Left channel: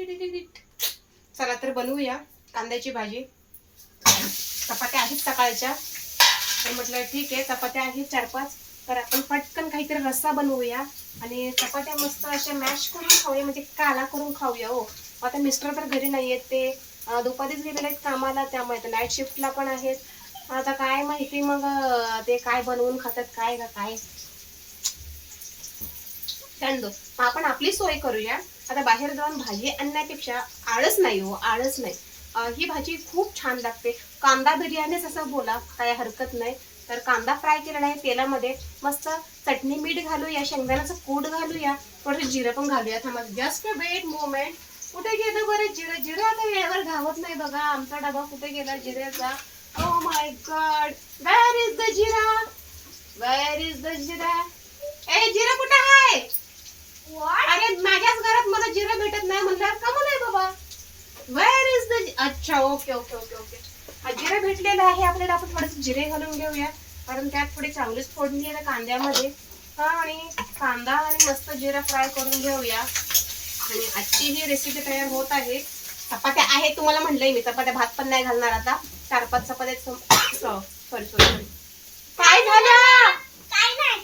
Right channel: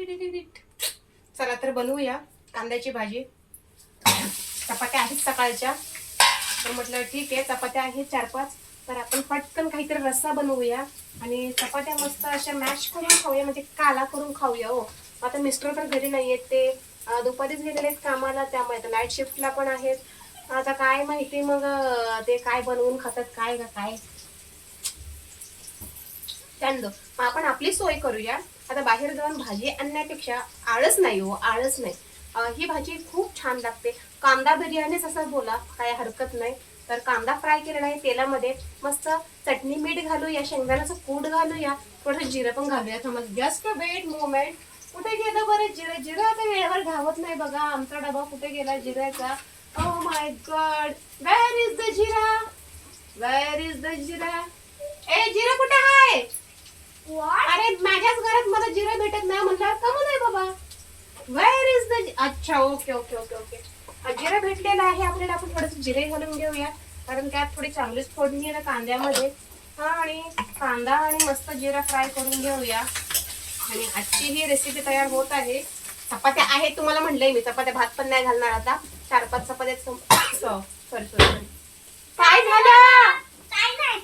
चला तर बनवूया कांद्याची भाजी. चपात्या आहेत सकाळच्या, तर म्हटलं ठीक आहे, चपात्या आहेत 4-5, तर आपण पटकन काहीतरी रस्सा बनवूया आणि चपात्या मस्त अशा मॅश करून खाऊया, म्हणजे काला करून खाऊया. हो, आता मिस्टर तर घरी नाही आहेत, ते दुपारीच गेलेले आहेत कामाला, त्यामुळे नाईट शिफ्टला पण आहेत. आता काय माहिती मग ते काय बनवून खातात काय का काय त्यांना. मग आपण आपली सोय करूया. आता बाहेर जाऊन भाजी आणण्यापेक्षा आळस नाही हो, आळस नाही. ही भाजी खूप छान लागते. कांदा बिर्याणीच असं बोला, काय हरकत नाही. तर कांदा फ्राय केलेला आहे तेलामध्ये, मस्त चटणी मीठ घालूया, शेंगदाण्याचं कूट घालूया, थोडंसं जिरं पण घालूया. थांबा, जस्ट वेट मोमेंट. कुठे गेलं बरं जिरं? जिरं आता वेळेवर घावत नाही बघा. आमचा डबा कुठे गेला जिऱ्याचा? Oh my God, where is the jeera? Where is the jeera? ए जिरा कुठे आहे? अरे माझ्याच घरात मला जिरा भेटत नाही म्हटल्यावर कमून आहे बाबा. Wear is the? अच्छा, ओके ओके ओके ओके. जिरा भेटलेला आहे आपल्याला. आपण थोडंसं जिरे घालून घेऊया, कारण त्यात थोडी चांगलीच फोडणी आहे कांद्यामध्ये. हा, आणि कांदा आणि मस्त जिरा फ्राय करून घेऊया. आणि आजची ही रेसिपी तयार होत आहे. चपात्या आहेत तुम्हाला म्हणलंय मी, चपात्या भात पण नाही घालणार आता. 4-5 चपात्या. सॉरी सॉरी सॉरी, काय झालं? काय नाही,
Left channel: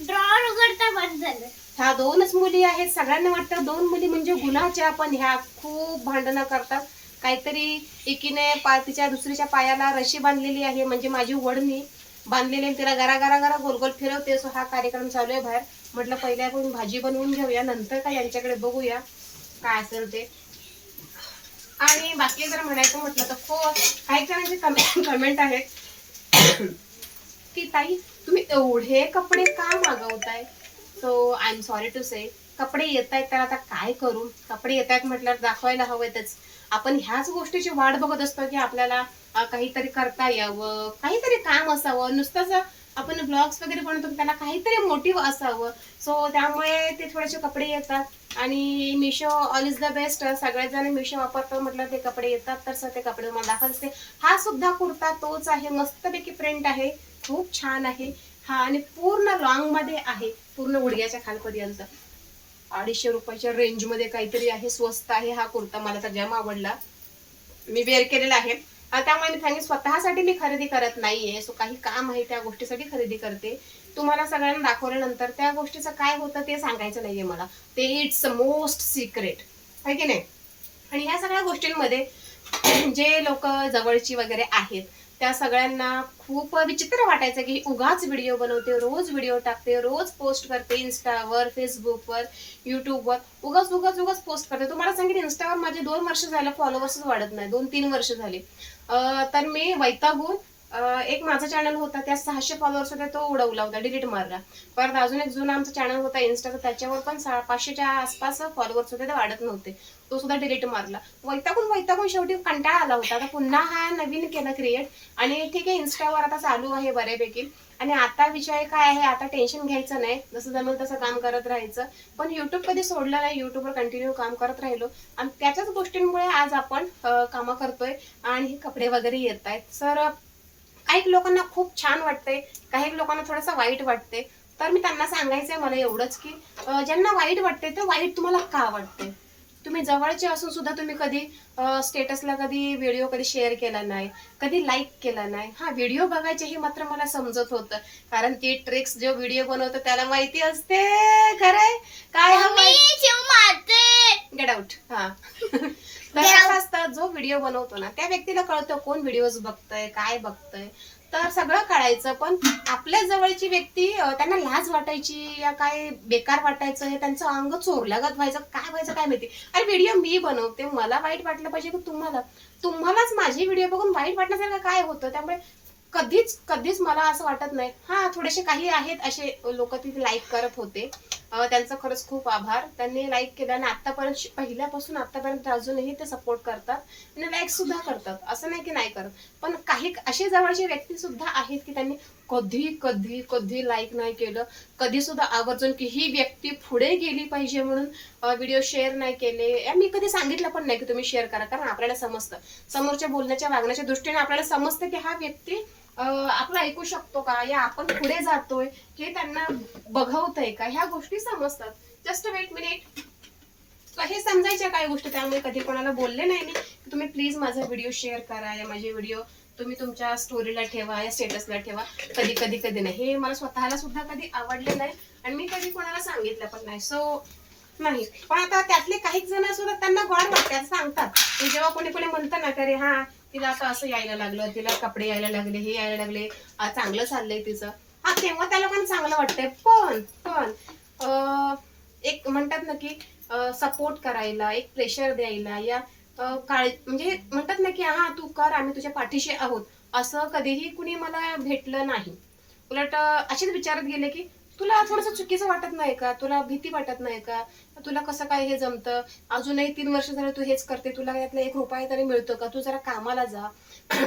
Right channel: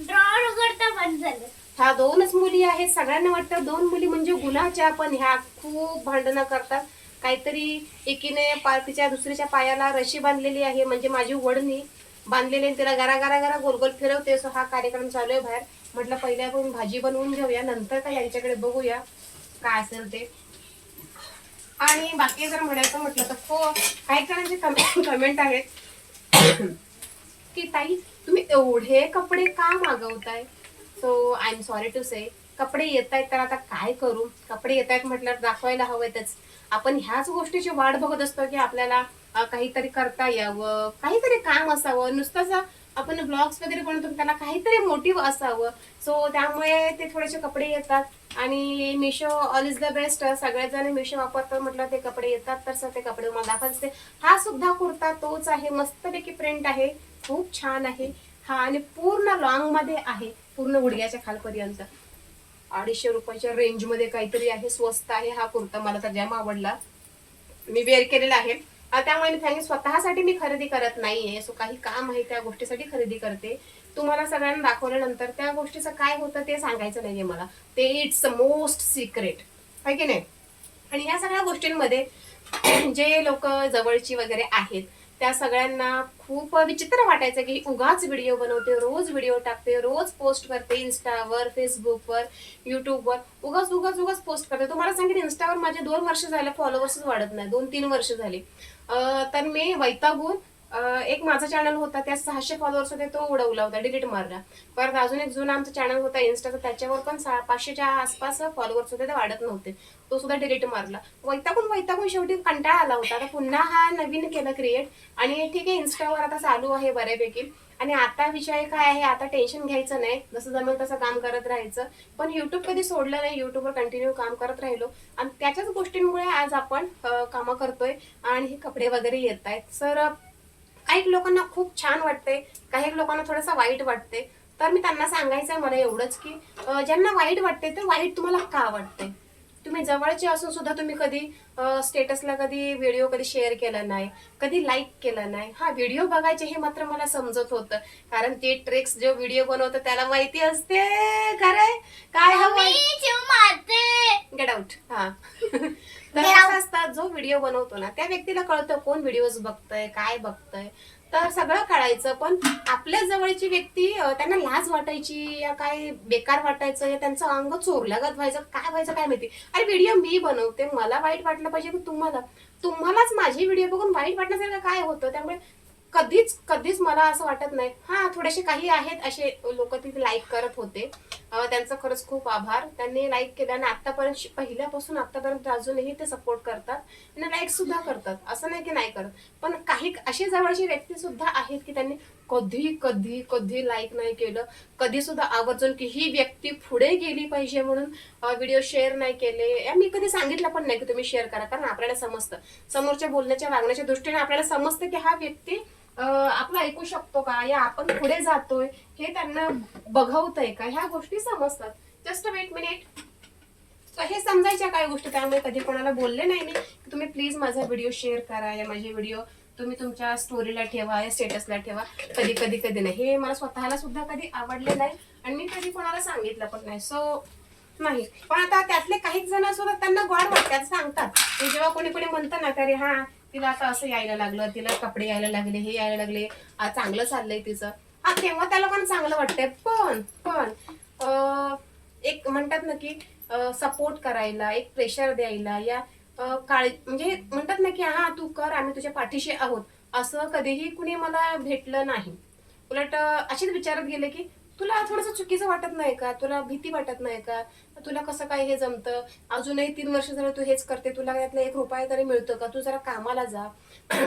ड्रॉवर उघडता बंद झालं. ह्या 2च मुली आहेत. सगळ्यांना वाटतं 2 मुली म्हणजे गुन्हाच्या, पण ह्या खूप भांडणं करतात. काहीतरी एकीने तिच्या दुसरीच्या पायाला रशी बांधलेली आहे, म्हणजे माझी वडणी बांधलेली, तिला गरा गरा गरा गोल गोल फिरवते. सो हा कार्यक्रम चालू आहे बाहेर. म्हटलं पहिले आपण भाजी बनवून घेऊया, नंतर काय यांच्याकडे बघूया काय असेल ते. आणि बाकी जर म्हणायचं म्हटलं तर काही जणांचे कमेंट आहेत की ताई तुम्ही एवढे कपडे का मागवताय. So I am sorry to say, कपडे येत आहेत तर आता काय करू. कपडे येत आहेत म्हटल्यावर दाखवायला हवेतच. आपण ह्याच गोष्टीची वाट बघत असतो की आपल्याला काहीतरी करता यावं, काहीतरी काम असावं. नुसतंच आपण ब्लॉग्स वगैरे बनवतो, त्याला काहीतरी मोटिव्ह असावं. सो त्यामुळे ते थोडेसे कपडे येतात. आणि Meesho all is the best. सगळ्यात जण मिशो वापरतात म्हटलं ते कपडे येतात, तर ते कपडे मला दाखवत असते. हा सुद्धा कुर्ता तोच आहे, मस्तपैकी प्रिंट आहे, खूप छान आहे हा. आणि पूर्ण लॉंग मध्ये आहे, पूर्ण गुडघ्याच्या खालपर्यंत. 250 रुपयाच्या रेंज मध्ये काहीतरी आहे, स्वस्त आहे हा कुर्ता. मला तर जाम आवडला, मी वेअर केलेला आहे. त्यामुळे मी सांगेन स्वतःसाठी मी खरेदी करत नाहीये. सो काही काम आहे त्या गोष्टीसाठी खरेदी करते. तुम्हाला सगळ्यांना दाखवल्यानंतर त्या गोष्टीचं काय होतं ते सांगायचं नाहीये मला, ते इट्स मोस्ट सिक्रेट आहे की नाही. आणि ह्या सगळ्या गोष्टींमध्ये जे लोक जवळची वगैरे आहेत त्या सगळ्यांना खूप विचित्र वाटायचं की उगाच व्हिडिओ बनवते, रोज व्हिडिओ टाकते, रोज पोस्ट करते, इन्स्टावर, फेसबुकवर, युट्यूबवर उगाच उगाच उगाच पोस्ट करते. तुम्हाला सांगितलं इन्स्टावर माझे 2 वर्ष झाले फॉलोवर्सच वाढत नाही, 2-3 वर्ष झाली. तर मी वैतागून एक माझा चॅनल होता, त्या 600 फॉलोअर्स होते, तो उडवला होता, डिलीट मारला. परत अजून एक जुना आमचा चॅनल होता इन्स्टाचा, त्याच्यावर पण 500च्या आसपास फॉलोअर्स होते, ते वाढत नव्हते, तो सुद्धा डिलीट मारला. वैतागून वैतागून शेवटी कंटाळा आला होता. आता पुन्हा हा नवीन केला क्रिएट, आणि ठीक आहे इन्स्टावर आता चालू आहे बऱ्यापैकी. आणि आता विषय काय आहे, आता टेन्शन घ्यायचं नाही, जसं जमेल तसं काम करत राहायचं. पण युट्यूब कधी सोडलं नाही, युट्यूबवर कंटिन्यू काम करत राहिलो, आणि त्याच्याच गोष्टींमुळे आज आपण कामं करतोय आणि हे कपडे वगैरे येत आहेत. सर काही लोकांना खूप छान वाटतंय, काही लोकांना थोडंसं वाईट वाटते. तर मी त्यांना सांगायचंय मला एवढंच की ज्यांना वाईट वाटते तर वाईट तुम्हाला का वाटते. तुम्ही जवळचे असून सुद्धा तुम्ही कधी स्टेटसला कधी व्हिडिओ कधी शेअर केला नाही, कधी लाईक केला नाही. हा, व्हिडिओ बघायचे हे मात्र मला समजत होतं, कारण ते ट्रिक्स जो व्हिडिओ बनवतो त्याला माहिती असते खरंय काय हवं. Get out. हा तर कसं असतं, जो व्हिडिओ बनवतो ना त्या व्यक्तीला कळतं कोण व्हिडिओज बघतय, काय बघतय, तर सगळं कळायचं. पण आपल्या जवळची व्यक्ती त्यांना लाज वाटायची या काय बेकार वाटायचं, हे त्यांचं अंग चोरल्यागत व्हायचं, काय व्हायचं काय माहिती. अरे व्हिडिओ मी बनवते, मला वाईट वाटलं पाहिजे की तुम्हालाच माझी व्हिडिओ बघून वाईट वाटण्यासारखं काय होतं. त्यामुळे कधीच कधीच मला असं वाटत नाही. हा, थोडेसे काही आहेत असे लोक तिथे लाईक करत होते, त्यांचं खरंच खूप आभार, त्यांनी लाईक केलं. आणि आतापर्यंत पहिल्यापासून आतापर्यंत अजूनही ते सपोर्ट करतात आणि लाईक सुद्धा करतात, असं नाही की नाही करत. पण काही असे जवळचे व्यक्ती सुद्धा आहेत की त्यांनी कधी कधी कधी लाईक नाही केलं, कधी सुद्धा आवर्जून की ही व्यक्ती पुढे गेली पाहिजे म्हणून व्हिडिओ शेअर नाही केले. मी कधी सांगितलं पण नाही की तुम्ही शेअर करा, कारण आपल्याला समजतं, समोरच्या बोलण्याच्या वागण्याच्या दृष्टीने आपल्याला समजतं की हा व्यक्ती आपलं ऐकू शकतो का, या आपण पुढे जातोय हे त्यांना बघवतंय का, ह्या गोष्टी समजतात. Just wait minute. हे समजा समजायच्या काही गोष्टी, त्यामुळे कधी कोणाला बोलले नाही मी की तुम्ही प्लीज माझा व्हिडिओ शेअर करा या माझे व्हिडिओ तुम्ही तुमच्या स्टोरीला ठेवा या स्टेटसला ठेवा. कधी नाही, हे मला स्वतःला सुद्धा कधी आवडलं नाही आणि मी कधी कोणाला सांगितलं पण नाही. सो नाही, पण आता त्यातले काही जण सुद्धा त्यांना गॉड वाटतात, सांगतात की जेव्हा कोणी म्हणतं ना की अरे हा तिला आता असं यायला लागलं, तिला कपडे यायला लागले, हे यायला लागले, चांगलं चाललंय तिचं, हा तेव्हा त्या लोकांना चांगलं वाटतंय. पण एक म्हणतात ना की सपोर्ट करायला, एक प्रेशर द्यायला या म्हणजे म्हणतात ना की हा तू कर, आम्ही तुझ्या पाठीशी आहोत, असं कधीही कुणी मला भेटलं नाही. उलट असेच विचारत गेले की तुला थोडंसं चुकीचं वाटत नाही का, तुला भीती वाटत नाही का, तुला कसं काय हे जमतं, अजूनही 3 वर्ष झालं तू हेच करते, तुला त्यातला 1 रुपया तरी मिळतो का, तू जरा कामाला जा.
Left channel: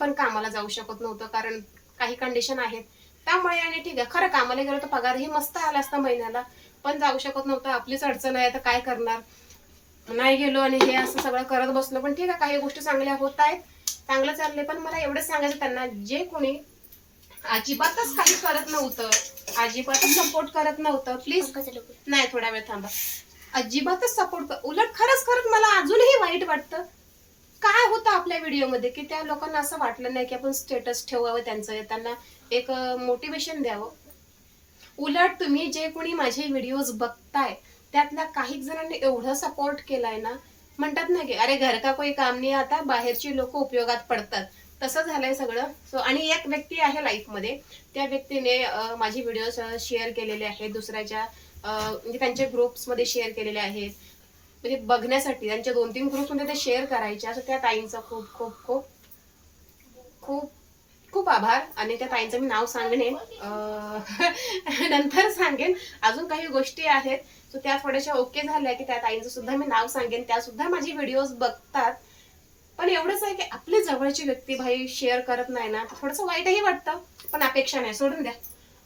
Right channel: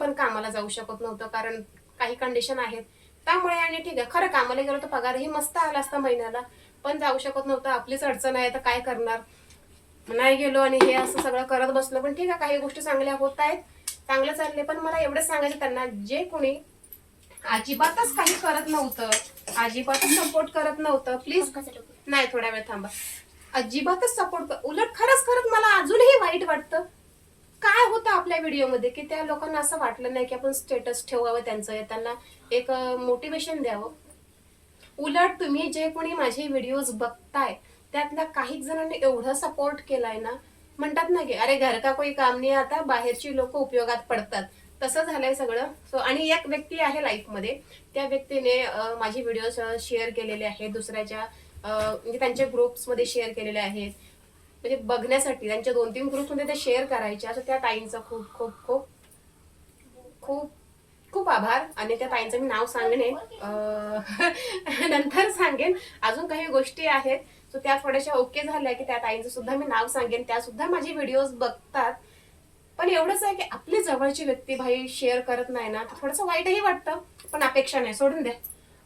पण कामाला जाऊ शकत नव्हतं कारण काही कंडिशन आहेत त्यामुळे. आणि ठीक आहे, खरं कामाला गेलो तर पगारही मस्त आला असता महिन्याला, पण जाऊ शकत नव्हतं, आपलीच अडचण आहे, तर काय करणार. नाही गेलो आणि हे असं सगळं करत बसलो. पण ठीक आहे, काही गोष्टी चांगल्या होत आहेत, चांगलं चालले. पण मला एवढंच सांगायचं त्यांना, जे कोणी अजिबातच काही करत नव्हतं, अजिबातच सपोर्ट करत नव्हतं, प्लीज नाही, थोडा वेळ थांबा, अजिबातच सपोर्ट, उलट खरंच मला अजूनही वाईट वाटतं. काय होतं आपल्या व्हिडिओमध्ये की त्या लोकांना असं वाटलं नाही की आपण स्टेटस ठेवावं त्यांचं, त्यांना एक मोटिवेशन द्यावं. उलट तुम्ही जे कोणी माझे व्हिडिओज बघताय त्यातल्या काही जणांनी एवढं सपोर्ट केलाय ना, म्हणतात ना की अरे घर का कोई काम नाही, आता बाहेरची लोक उपयोगात पडतात, तसं झालंय सगळं. सो आणि एक व्यक्ती आहे लाईफमध्ये, त्या व्यक्तीने माझे व्हिडिओज शेअर केलेले आहेत दुसऱ्याच्या म्हणजे त्यांच्या ग्रुप्समध्ये शेअर केलेले आहेत, म्हणजे बघण्यासाठी त्यांच्या 2-3 ग्रुप्समध्ये ते शेअर करायचे. असं त्या ताईंचा खूप खूप खूप खूप खूप आभार. आणि त्या ताईंचं मी नाव सांगणे नंतर सांगेन, अजून काही गोष्टी आहेत सो त्या थोड्याशा ओके झाल्या की त्या ताईंचं सुद्धा मी नाव सांगेन, त्या सुद्धा माझे व्हिडिओज बघतात. पण एवढंच आहे की आपली जवळची व्यक्ती भाई शेअर करत नाही ना, तर थोडंसं वाईटही वाटतं. पण अपेक्षा नाही, सोडून द्या,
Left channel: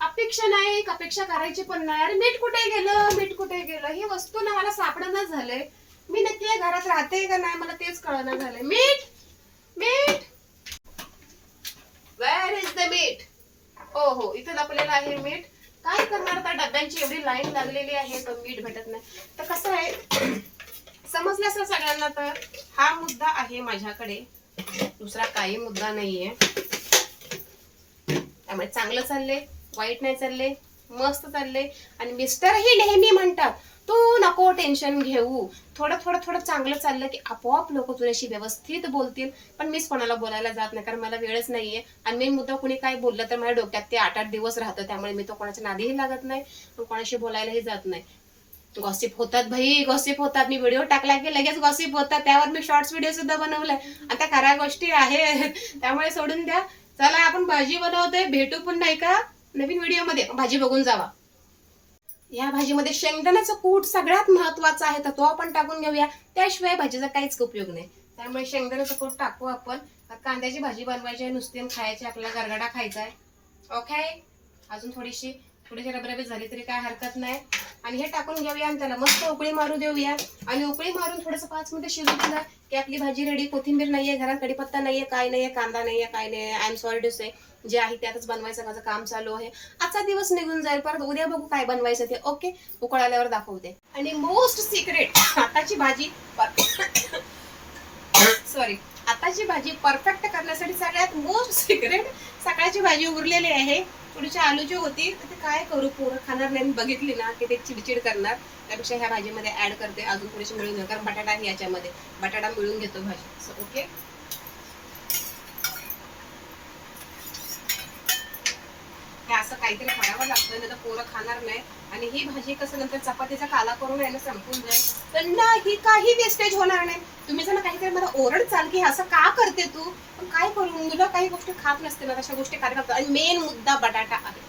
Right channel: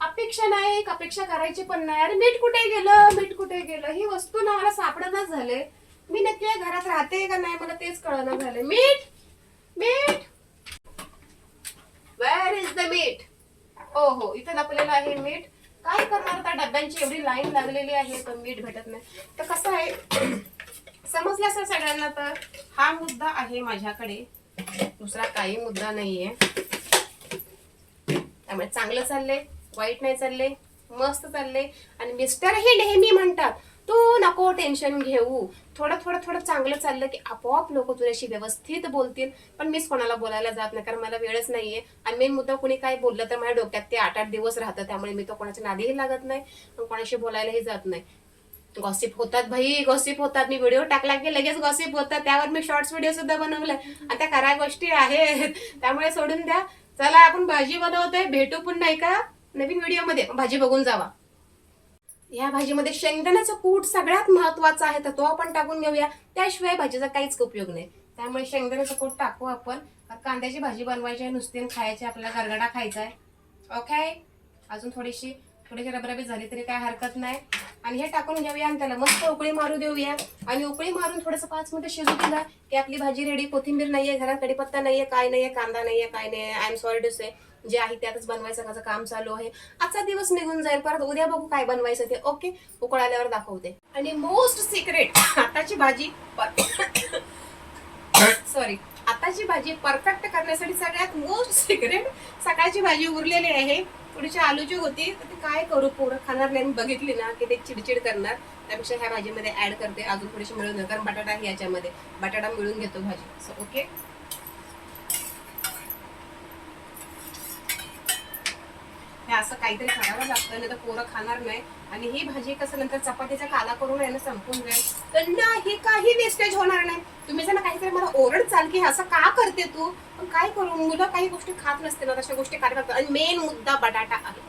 अपेक्षा नाही, अपेक्षा करायची पण नाही. अरे मीठ कुठे गेलं, ही वस्तू ना मला सापडणच झाले, मी नक्की घरात राहते का नाही मला तेच कळणं झालंय. मीठ वेअर इज द मीठ. हो इथे लपलेलं आहे मीठ. काय करणार, त्या डब्यांची एवढी लाईन लागलेली आहे पण मीठ भेटत नाही. तर कसं आहे समजलं असेल सगळ्यांना, तर हा मुद्दा आहे माझ्याकडे, दुसरा काही मुद्दा नाहीये. त्यामुळे चांगलं चाललंय, वाईट नाही चाललंय, मस्त चाललंय. आणि मिस्टरही नेहमी म्हणतात तू नको टेन्शन घेऊ, थोडं चांगलं चाललं की आपोआप लोक तुझ्याशी व्यवस्थित बोलतील. पण मीच कोणाला बोलायला जात नाही कारण मला वेळच नाहीये. आणि मेन मुद्दा कोणी काही बोललं तर माझ्या डोक्यात ते 8-8 दिवस राहतं, त्यामुळे मी तो कोणाच्या नादीही लागत नाही, कोणाशी बोलायलाही जात नाही. गॉसिप होतात भाई, गॉसिप होतात. मी व्हिडिओ टाकला की लगेच गॉसिप होतात, त्यावर मी शॉर्ट्स व्हिडिओ सुद्धा बनवलाय. आता करा गोष्टी आहेत, त्यामुळे सोडून द्या. चला आपण भाजी बनवतोय, भेटू पुन्हा एका नवीन व्हिडिओमध्ये. भाजी बघून जावा. या भाजीमध्ये शेंगदाण्याचं कूट सगळ्यात महत्वाचा आहे, तर तो आपण टाकून घेऊया, त्याशिवाय भाजीचा काहीच उपयोग नाही. त्यामुळे शेंगदाण्याचं कूट टाकू आपण. कांद्याची भाजी बनवायची आहे, नुसती खायची, आपल्याला गरगडा खायचा आहे. ओके, अजून थोडीशी रबरबीत झाली तरी काय हरकत नाही. आणि हे टाकून घेऊया आणि त्याला मस्त उकळी मारू देऊया. आणि उकळी मारून थोडंसं 5 मिनिटं शिजू दिला की आपली भाजी रेडी. कोथिंबीर नाहीये घरात, कढीपत्ता नाहीये, काय नाहीये, कांदा नाहीये, काय नाही. आय एम सॉरी टू से, जे आहे त्यातच बनवायचं माझं काम चालू आहे. आजचा दिवस निघून जाईल, परत उद्या बघू काय बनवायचं ते. ओके, उकळाल्यावर दाखवते. आणि मोस्ट सिक्रेट, आताची भाजी आताची भाजी परफेक्ट करण्यासाठी सगळ्यात मोस्ट सिक्रेट, सकाळची भाजी उरलेली आहे, थोडीशी आलूची होती, तर ते काय करू, पोरं खाणार नाही, बघितली ना की ते चिडचिड करणार. त्यापेक्षा ह्या भाजीमध्ये ऍड करते, अजून थोडीशी मिळून, कारण बटाटा आहे याच्यामध्ये, बटाटा मिळून घेतो भाजी. सो ओके, हे असं काहीतरी खायला लागतं, नाही तर पोरं खाणार नाही. आणि ही भाजी कसं नंतर चपातीचा काला करून आहे ना संपून जाईल, तर नाही काही वेस्टेज होणार नाही. तुम्ही जर काहीतरी मला ओरडचाल की असं का करते तू, पण काय करू, मुलं काही गोष्टी खात नसते ना, तशा गोष्टी काय करतात. आणि मेन मुद्दा बटाटा आहे,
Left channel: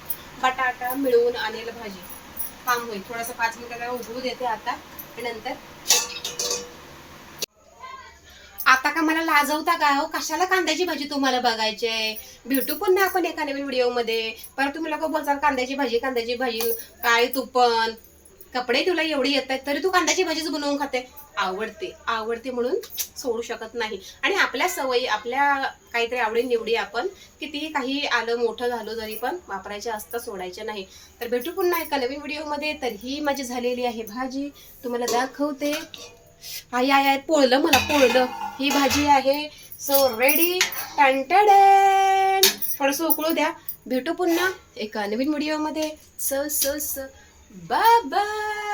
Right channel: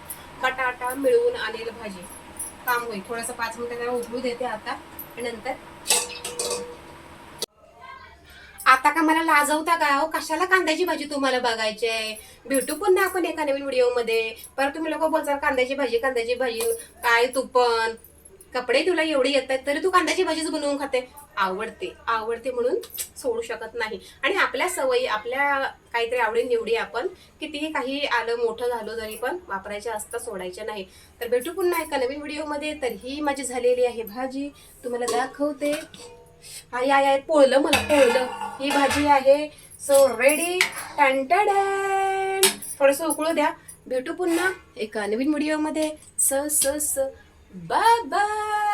बटाटा मिळून आणेल भाजी काम होईल. थोडंसं 5 मिनिटं त्याला उकळू देते आता, आणि नंतर आता का मला लाजवता का हो, कशाला कांद्याची भाजी तुम्हाला बघायची आहे. भेटू पण ना आपण एका नवीन व्हिडिओमध्ये. परत तुम्ही लोक बोलतात कांद्याची भाजी काय, तू पण कपडे तुला एवढे येत आहेत तरी तू कांद्याची भाजीच बनवून खाते. आवडते म्हणून सोडू शकत नाही. आणि आपल्या सवयी, आपल्या काहीतरी आवडी निवडी आपण कितीही काही आलं मोठं झालो तरी पण वापरायच्या असतात, सोडायच्या नाही. तर भेटू पुन्हा एका नवीन व्हिडिओमध्ये. तर ही माझी झालेली आहे भाजी, तुम्हाला दाखवते. आई आई आई पोळलं मला पोळलं. ही भाजी आहे सो रेडी. टंटडन. थोडंसं उकळू द्या. भेटू पुन्हा एका नवीन व्हिडिओमध्ये. स स स बाय बाय.